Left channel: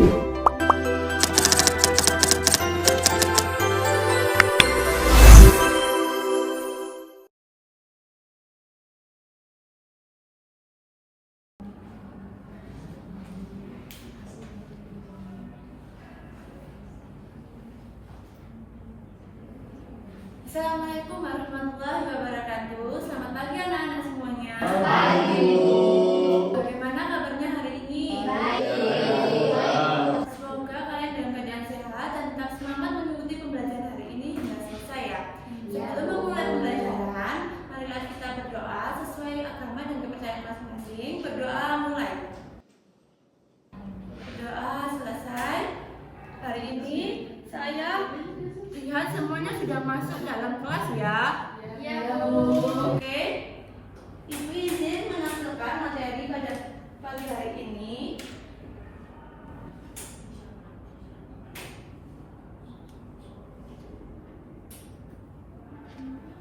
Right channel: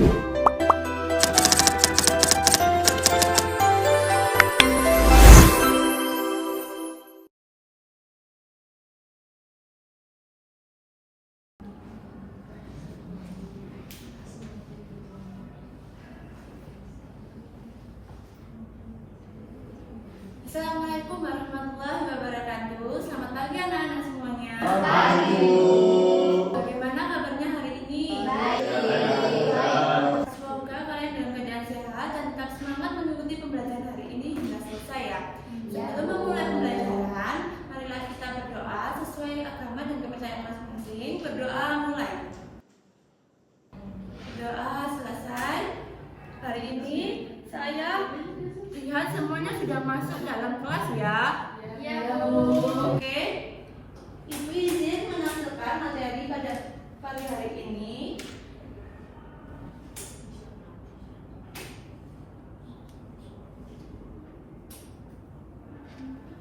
Assalamualaikum warahmatullahi wabarakatuh. Selamat pagi anak-anak semuanya. Pagi. Bagaimana kabarnya hari ini? Baik. Semoga kalian dalam keadaan sehat dan tetap semangat mengikuti pembelajaran hari ini hingga selesai ya. Sebelum memulai pembelajaran, marilah kita berdoa sesuai agama dan kepercayaan masing-masing. Berdoa mulai. Berdoa selesai. Hari ini saya lihat semuanya sudah masuk dalam kelas ya. Ya, Oke. Ibu izin menampilkan materi pada pagi hari ini.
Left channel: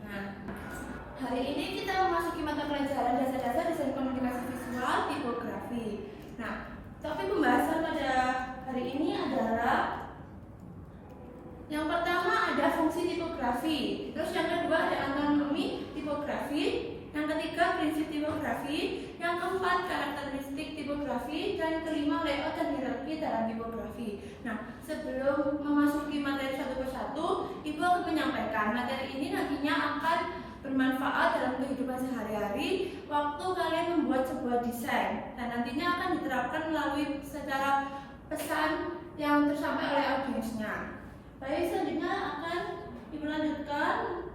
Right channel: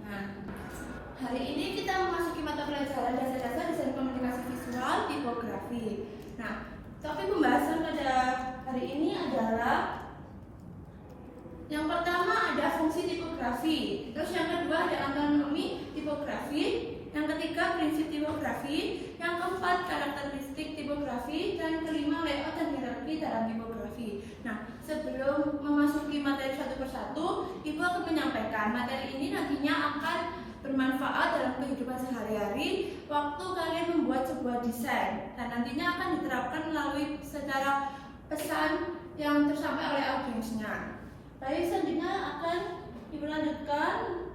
Nah, hari ini kita memasuki mata pelajaran dasar-dasar desain komunikasi visual tipografi. Nah, topik pembahasan pada hari ini adalah yang pertama ada fungsi tipografi, terus yang kedua ada anatomi tipografi, yang ketiga prinsip tipografi, yang keempat karakteristik tipografi, dan yang kelima layout dan hierarki dalam tipografi. Nah, sebelum memasuki materi satu persatu, Ibu akan menyampaikan materi ini nantinya akan bermanfaat dalam kehidupan sehari-hari waktu kalian membuat sebuah desain, dan nantinya akan diterapkan melalui secara pesan yang tersampaikan oleh audiensnya. Baik, selanjutnya akan Ibu lanjutkan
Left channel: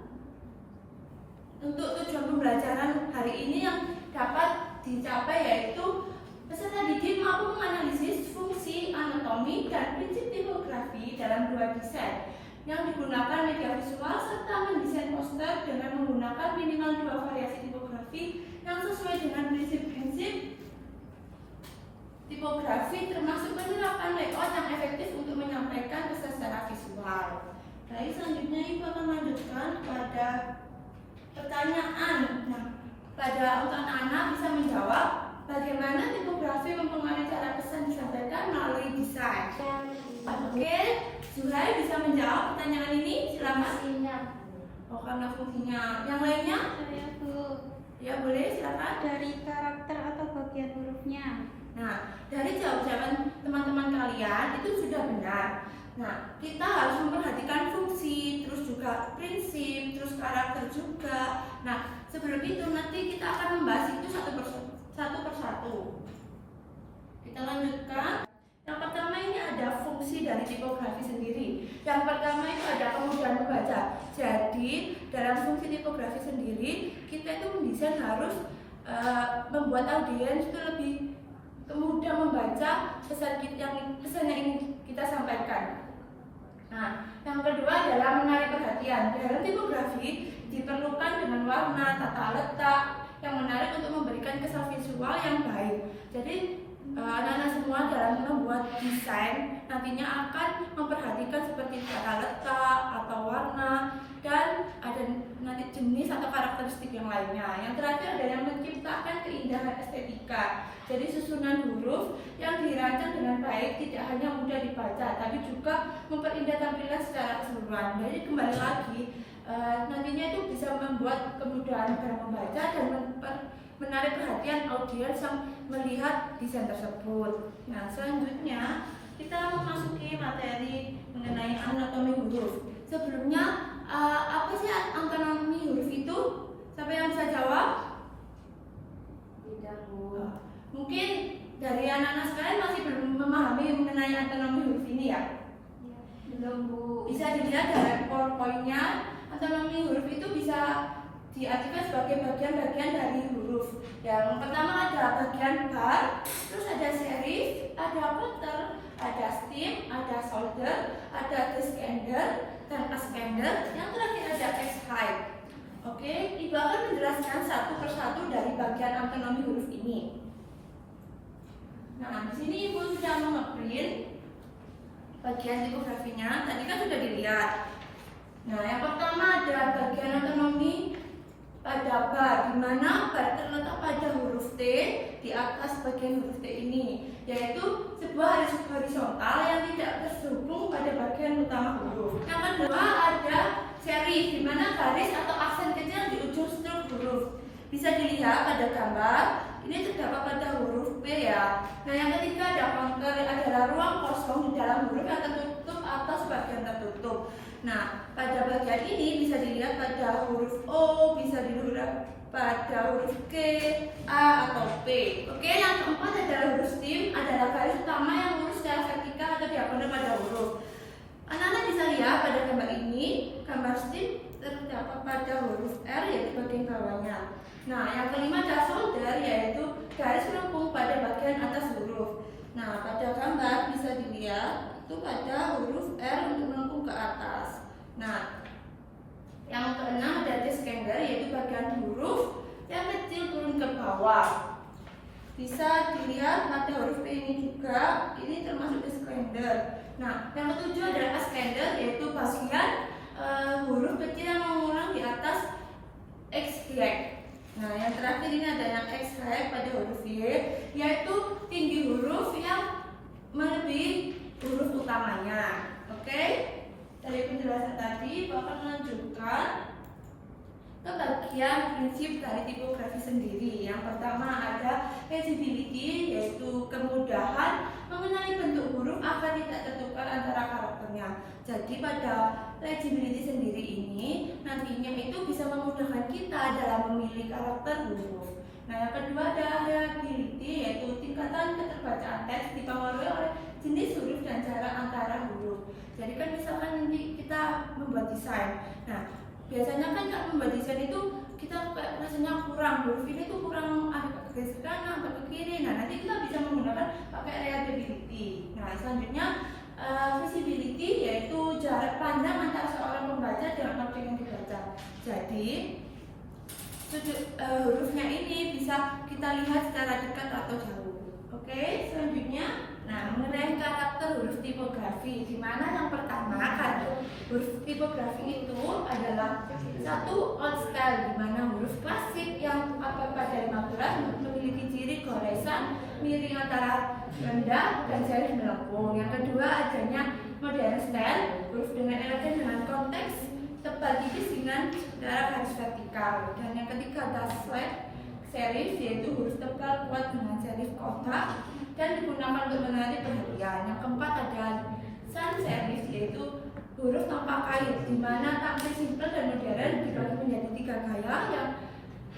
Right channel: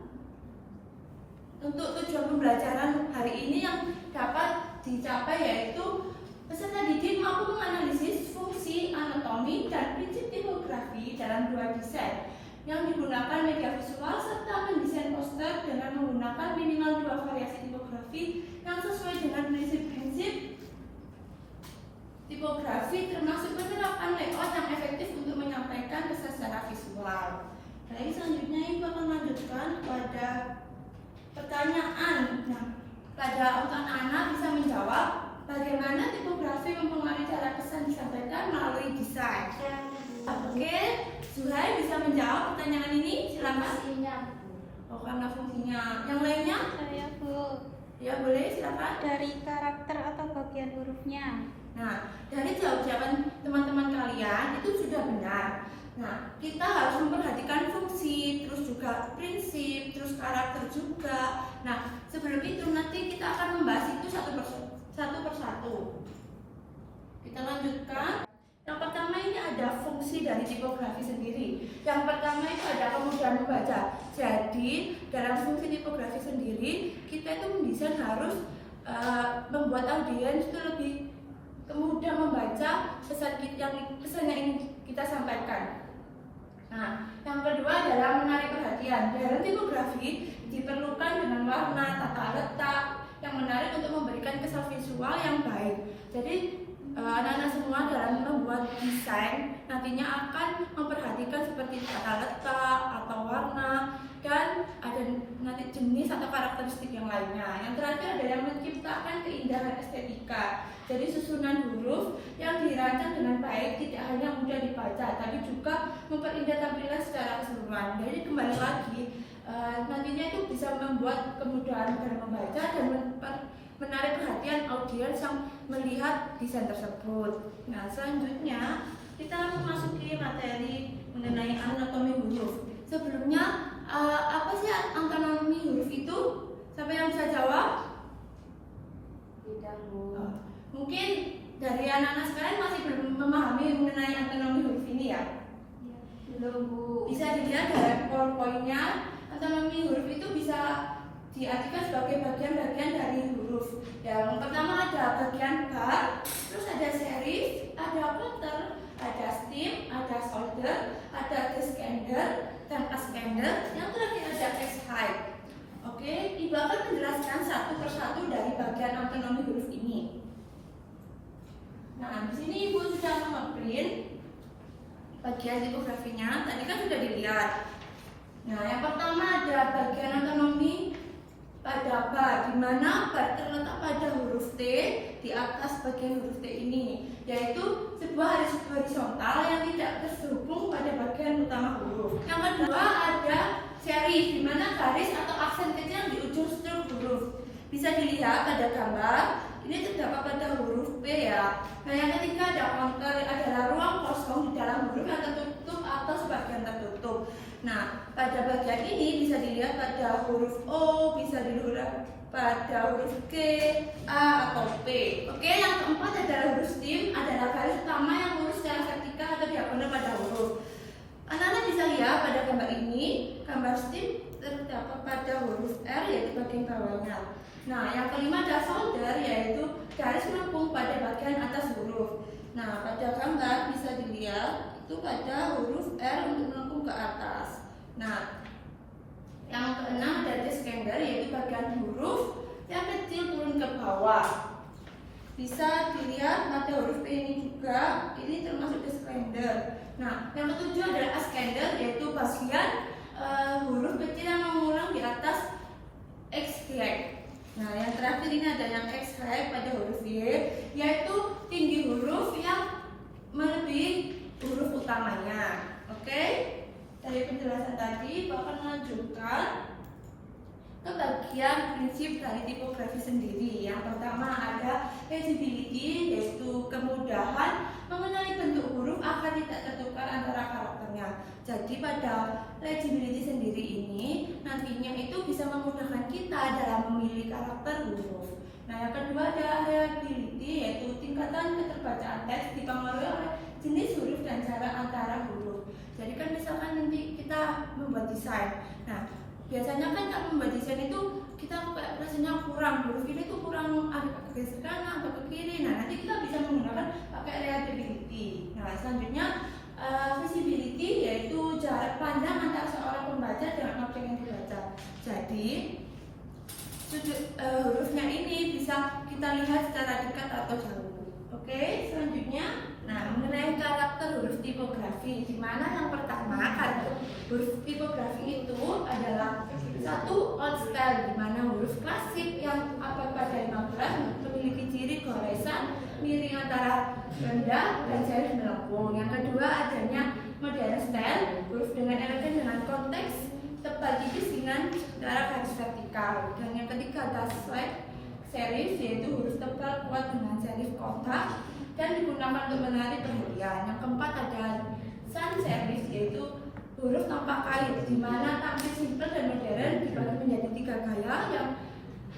untuk tujuan pembelajaran hari ini yang dapat dicapai, yaitu peserta didik mampu menganalisis fungsi, anatomi, dan prinsip tipografi dalam dua desain yang digunakan media visual serta mendesain poster dengan menggunakan minimal dua variasi tipografi yang sesuai dengan prinsip-prinsip tipografi, termasuk penerapan layout yang efektif untuk menyampaikan pesan secara visual. Baik, selanjutnya Ibu akan melanjutkan pada pertanyaan. Nah, pada untuk anak-anak bisa menjawab bagaimana tipografi mempengaruhi cara pesan disampaikan melalui desain. Oke, Zuhai bisa menjawab pertanyaan ini, silakan. Oh, karena fungsinya. Yang lainnya? Ya boleh, silakan. Dari karakter atau bagian hurufnya. Nah, dari jawaban teman-teman kalian itu sudah benar. Nah, kita harus memperhatikan fungsi, terus juga prinsip, terus karakter juga. Nah, sebelum itu nanti kita akan membahas itu satu persatu. Kita lanjutkan. Yang pertama ini ada fungsi dari tipografi sendiri. Yang pertama itu ada kemudahan membaca. Jadi, dalam fungsi tipografi sendiri, kita itu mendesain harus membuat audiens itu lebih kemudian membaca pesan yang ingin kita sampaikan. Nah, yang kedua adalah menarik perhatian. Dalam tipografi diperlukan dengan warna, tata letak yang menarik untuk memberikan kesan visual yang baik. Jadi anak-anak semua dalam membuat desain nantinya akan memperhatikan seperti tata letak atau warna, dan ada nanti jenis atau karakteristik yang lainnya. Yang terakhir ada yang menciptakan keindahan estetika. Jadi susunan huruf yang dirancang dengan baik tidak hanya mudah dibaca, tapi juga memperindah tampilan secara keseluruhan. Jadi kembali lagi, nantinya itu bisa membuat kemudahan dalam membaca dan menarik perhatian audiens yang melihat desain tersebut. Nah, selanjutnya kita memasuki materi mengenai anatomi huruf. Sebelumnya, apa sih anatomi huruf itu? Siapa yang bisa jawab? Tidak, Bu. Mungkin dari anak-anak sekalian masih belum memahami mengenai anatomi huruf ini ya? Belum, Bu. Bisa dilihat dari poin-poinnya. Anatomi huruf itu bisa diartikan sebagai bagian-bagian dari huruf. Yang pertama ada bagian bar, terus ada serif, ada footer, ada stem, ada shoulder, ada descender, dan ascender. Yang terakhir ada S-height. Oke, Ibu akan menjelaskan satu persatu dari bagian anatomi huruf ini. Nah, di sini Ibu sudah nge-print bagian tipografinya. Tadi kan sudah dilihat. Nah, yang pertama ada bagian anatomi pada bar, di mana bar terletak pada huruf T di atas bagian huruf T ini, yaitu sebuah horizontal garis atau aksen kecil di ujung struk huruf. Bisa dilihat pada gambar, ini terdapat pada huruf P ya. Nah, yang ketiga ada counter, adalah ruang kosong di dalam huruf yang tertutup atau sebagian tertutup. Nah, pada bagian ini bisa dilihat pada huruf O, bisa dilihat pada huruf K, A, atau P. Oke, yang keempat adalah huruf stem, adalah garis utama yang lurus secara vertikal atau diagonal pada huruf. Anak-anak bisa lihat pada gambar ini, gambar stem terdapat pada huruf R, yaitu bagian bawahnya. Nah, yang kelima adalah solder, yaitu garis melengkung pada bagian atas huruf. Nah, pada gambar bisa dilihat itu pada huruf R untuk melengkung ke atas. Nah, yang keenam ada descender, yaitu bagian huruf yang kecil turun ke bawah. Bisa dilihat pada huruf P ini juga, ini termasuk descender. Nah, yang ketujuh adalah ascender, yaitu bagian huruf kecil yang mengulang di atas X height. Nah, yang terakhir ini ada yang X height pada huruf Y, yaitu tinggi huruf yang melebihi huruf utamanya. Oke? Dari penjelasan tadi, Bapak melanjutkan ke bagian prinsip dari tipografi sendiri. Yang pertama ada legibility, yaitu kemudahan mengenali bentuk huruf agar tidak tertukar antara karakternya. Jadi pada legibility sendiri ini nantinya itu bisa memudahkan kita dalam memilih karakter huruf. Nah, yang kedua ada readability, yaitu tingkatan keterbacaan teks dipengaruhi oleh jenis huruf dan jarak antara huruf. Jadi kan misalkan nanti kita membuat desain. Nah, biasanya kan kalau membuat desain itu kita rasanya kurang, huruf ini tuh kurang, ada ke kanan atau ke kiri. Nah, nanti kita bisa menggunakan pakai readability. Nah, selanjutnya visibility, yaitu jarak pandang antara seorang pembaca dengan objek yang dibaca. Jadi hurufnya ini bisa kita lihat secara dekat atau jauh. Oke, selanjutnya, nah, mengenai karakter huruf tipografi, di mana yang pertama karakter huruf tipografi itu adalah satu old style, di mana huruf klasik yang abad pada 15 memiliki ciri goresan miring antara rendah dan serif melengkung. Yang kedua adanya modern style, huruf dengan elegan dengan konteks tebal tipis dengan darah garis vertikal. Dan yang ketiga ada flat serif, yaitu huruf tebal kuat dengan serif kotak dan digunakan untuk menarik perhatian. Yang keempat ada sans serif, yaitu huruf tanpa kait, di mana tampil simpel dan modern dibagi menjadi tiga gaya,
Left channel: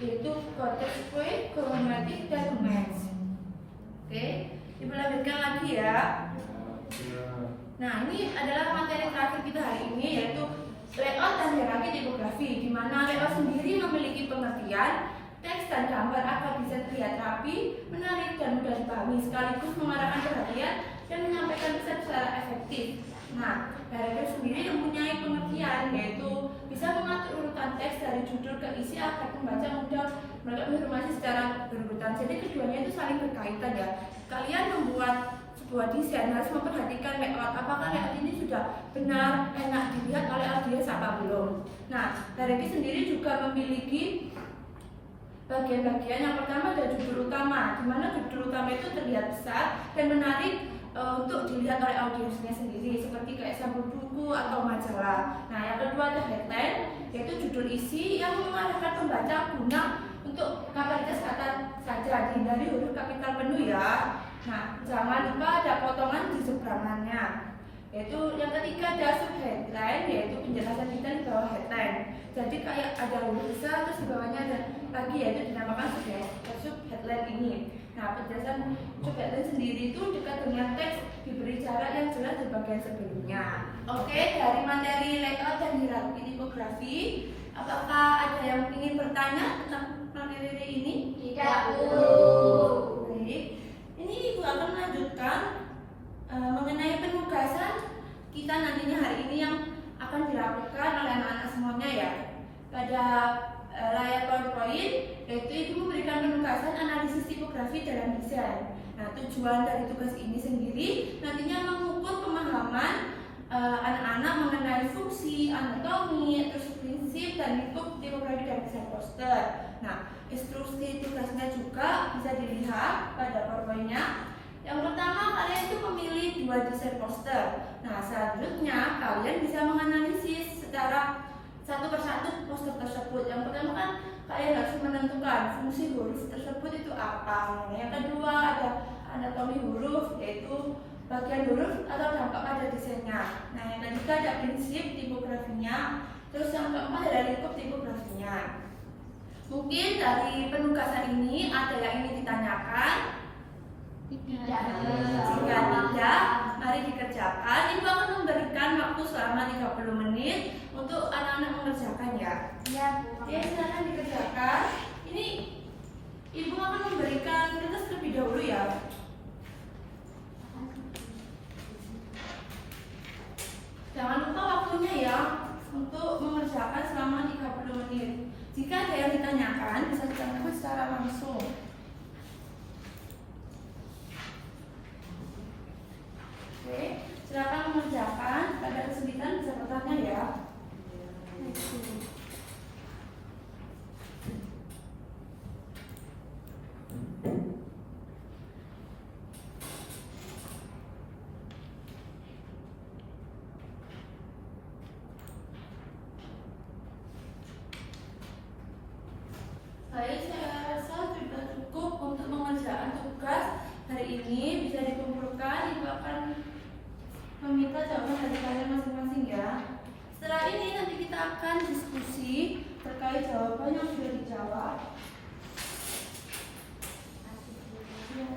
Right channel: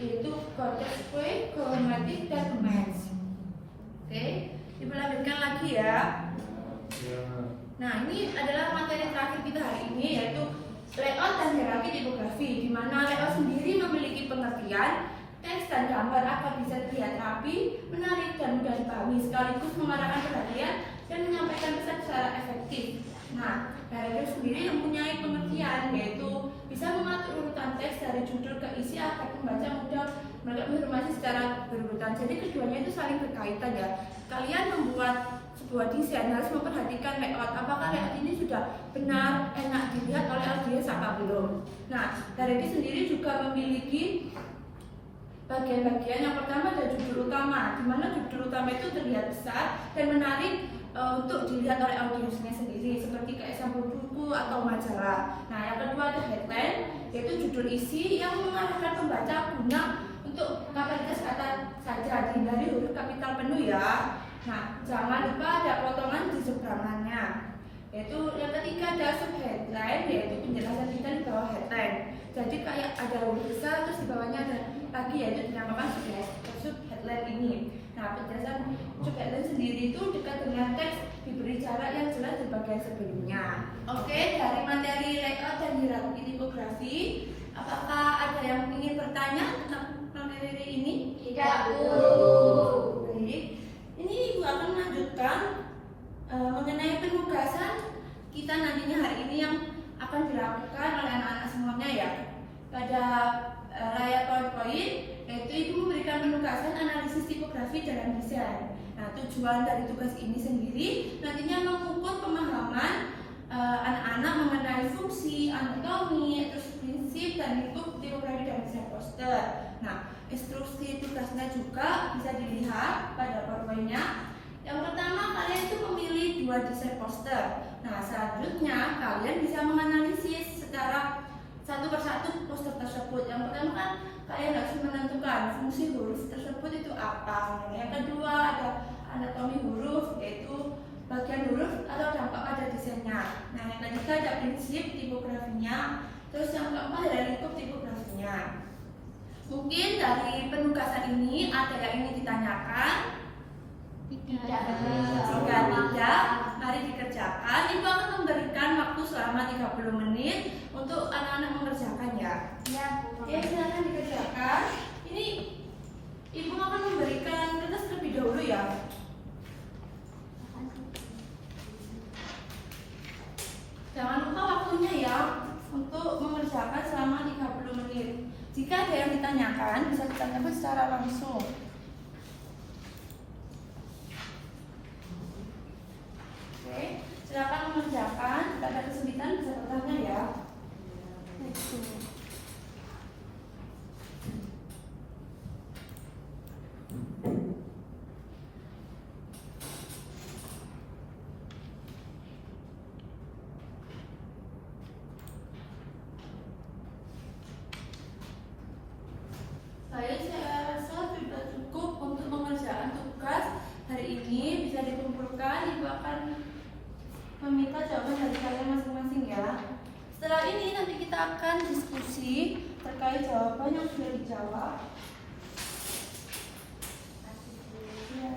yaitu konteks kue, kromatik, dan romance. Oke, dilanjutkan lagi ya. Nah, ini adalah materi terakhir kita hari ini, yaitu layout dan hierarki tipografi, di mana layout sendiri memiliki pengertian teks dan gambar agar bisa terlihat rapi, menarik, dan mudah dipahami, sekaligus mengarahkan perhatian dan menyampaikan pesan secara efektif. Nah, hierarki sendiri mempunyai pengertian, yaitu bisa mengatur urutan teks dari judul ke isi agar pembaca mudah menangkap informasi secara berurutan. Jadi keduanya itu saling berkaitan ya. Kalian membuat sebuah desain harus memperhatikan layout, apakah layout ini sudah benar, enak dilihat oleh audiens apa belum. Nah, hierarki sendiri juga memiliki bagian-bagian. Yang pertama ada judul utama, di mana judul utama itu terlihat besar dan menarik untuk dilihat oleh audiensnya sendiri, seperti kayak sampul buku atau majalah. Nah, yang kedua ada headline, yaitu judul isi yang mengarahkan pembaca guna untuk kapasitas kata saja, dihindari huruf kapital penuh ya. Nah, jangan lupa ada potongan di seberangannya. Yaitu yang ketiga ada sub headline, yaitu penjelasan kita di bawah headline. Jadi kayak ada huruf besar terus di bawahnya ada lagi, yaitu dinamakan sub headline ini. Nah, penjelasan sub headline sendiri itu dekat dengan teks, diberi jarak yang jelas di bagian sebelumnya. Oke, dari materi layout dan hierarki tipografi, apakah ada yang ingin bertanya tentang materi ini? Tidak, Bu. Baik. Ini Ibu akan melanjutkan mengenai penugasan kita nantinya hari ini yang akan dilakukan oleh anak-anak semuanya ya. Pada layar PowerPoint, yaitu Ibu memberikan penugasan analisis tipografi dalam desain. Nah, tujuan dari tugas ini sendiri nantinya mengukur pemahaman anak-anak mengenai fungsi, anatomi, terus prinsip dan bentuk tipografi dari desain poster. Nah, instruksi tugasnya juga bisa dilihat pada PowerPoint-nya. Yang pertama, kalian itu memilih 2 desain poster. Nah, selanjutnya kalian bisa menganalisis secara satu persatu poster tersebut. Yang pertama kan kalian harus menentukan fungsi huruf tersebut itu apa. Nah, yang kedua ada anatomi huruf, yaitu bagian huruf atau dampak pada desainnya. Nah, yang ketiga ada prinsip tipografinya. Terus yang keempat ada lingkup tipografinya. Mungkin dari penugasan ini ada yang ingin ditanyakan. Jika tidak, mari dikerjakan. Ibu akan memberikan waktu selama 30 menit untuk anak-anak mengerjakan ya. Ya, silakan dikerjakan. Ini ibu akan memberikan kertas terlebih dahulu ya. Jangan lupa waktunya ya untuk mengerjakan selama 30 menit. Jika ada yang ditanyakan, bisa ditanyakan secara langsung. Oke, silakan mengerjakan. Pada kesulitan bisa bertanya ya. Saya rasa sudah cukup untuk pengerjaan tugas hari ini. Bisa dikumpulkan, ibu akan meminta jawaban dari kalian masing-masing ya. Setelah ini nanti kita akan diskusi terkait jawaban yang sudah dijawab. Ya.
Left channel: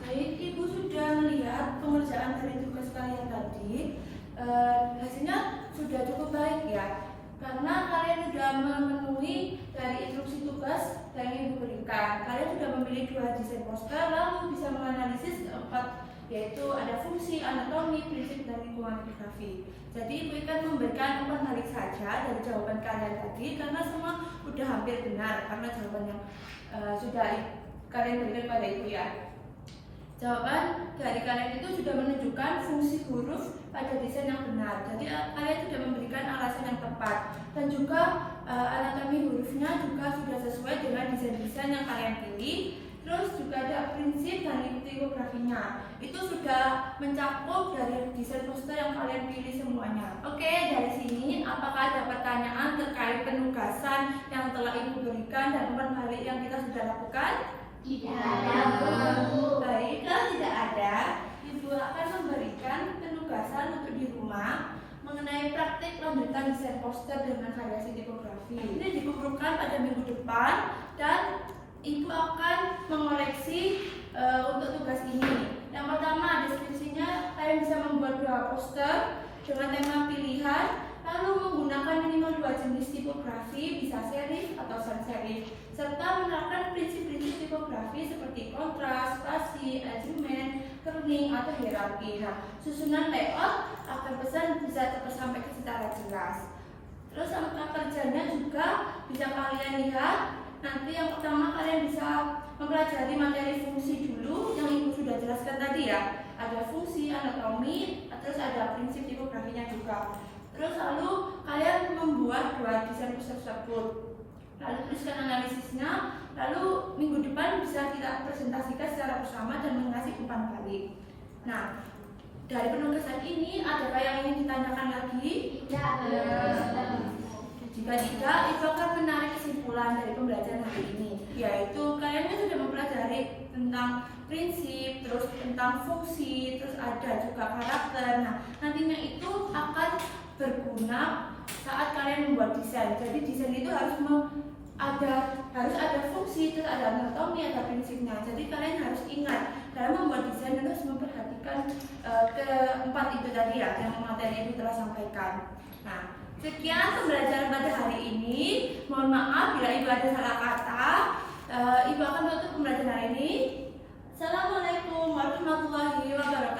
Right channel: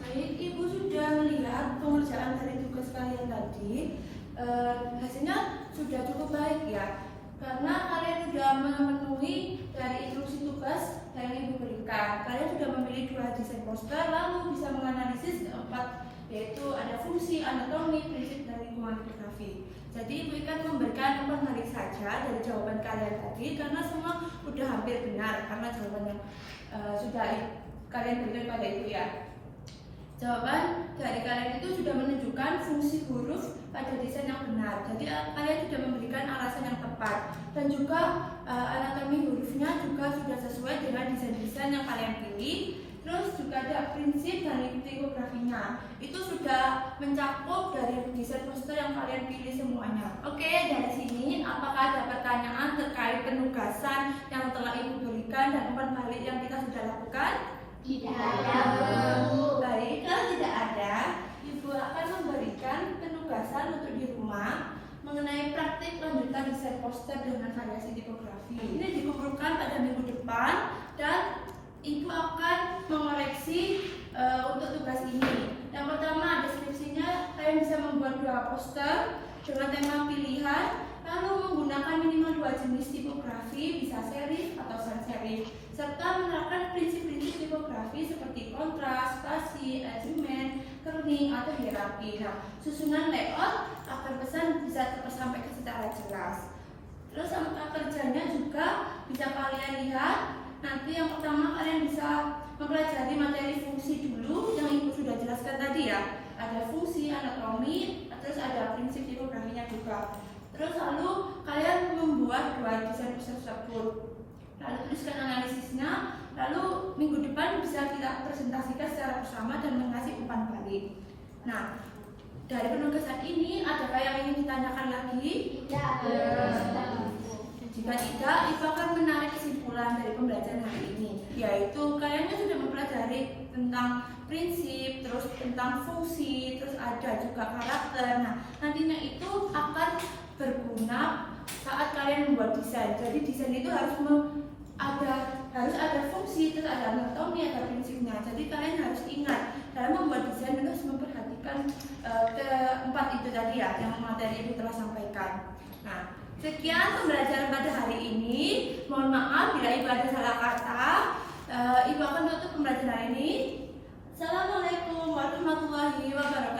Baik, ibu sudah melihat pengerjaan dari tugas kalian tadi. Hasilnya sudah cukup baik ya, karena kalian sudah memenuhi dari instruksi tugas yang ibu berikan. Kalian sudah memilih 2 desain poster, lalu bisa menganalisis keempat, yaitu ada fungsi, anatomi, prinsip, dan lingkungan tipografi. Jadi ibu akan memberikan umpan balik saja dari jawaban kalian tadi, karena semua sudah hampir benar karena jawaban yang sudah kalian berikan pada ibu ya. Jawaban dari kalian itu sudah menunjukkan fungsi huruf pada desain yang benar. Jadi kalian sudah memberikan alasan yang tepat, dan juga anatomi hurufnya juga sudah sesuai dengan desain-desain yang kalian pilih. Terus juga ada prinsip dan tipografinya. Itu sudah mencakup dari desain poster yang kalian pilih semuanya. Oke, dari sini apakah ada pertanyaan terkait penugasan yang telah ibu berikan dan umpan balik yang kita sudah lakukan? Tidak ada. Baik, kalau tidak ada, ibu akan memberikan penugasan untuk di rumah mengenai praktik lanjutan desain poster dengan variasi tipografi. Ini dikumpulkan pada minggu depan dan ibu akan mengoreksi untuk tugas ini. Yang pertama ada deskripsinya, kalian bisa membuat 2 poster dengan tema pilihan, lalu menggunakan minimal 2 jenis tipografi, bisa serif atau sans serif, serta menerapkan prinsip-prinsip tipografi seperti kontras, spasi, alignment, kerning, atau hierarki. Nah, susunan layout agar pesan bisa tersampaikan secara jelas. Terus angka kerjanya juga bisa kalian lihat. Nanti yang pertama kalian bisa mempelajari materi fungsi dulu yang ibu sudah jelaskan tadi ya. Ada fungsi, anatomi, terus ada prinsip tipografinya juga. Terus lalu kalian membuat 2 desain poster tersebut. Lalu tuliskan analisisnya. Lalu minggu depan bisa kita presentasikan secara bersama dan mengasih umpan balik. Nah, dari penugasan ini adakah yang ingin ditanyakan lagi? Tidak ada. Jika tidak, ibu akan menarik kesimpulan dari pembelajaran hari ini, yaitu kalian kan sudah mempelajari tentang prinsip, terus tentang fungsi, terus ada juga karakter. Nah, nantinya itu akan berguna saat kalian membuat desain. Jadi desain itu harus ada fungsi, terus ada anatomi, ada prinsipnya. Jadi kalian harus ingat dalam membuat desain harus memperhatikan keempat itu tadi ya, yang materi ibu telah sampaikan. Nah, sekian pembelajaran pada hari ini. Mohon maaf bila ibu ada salah kata. Ibu akan tutup pembelajaran hari ini. Assalamualaikum warahmatullahi wabarakatuh.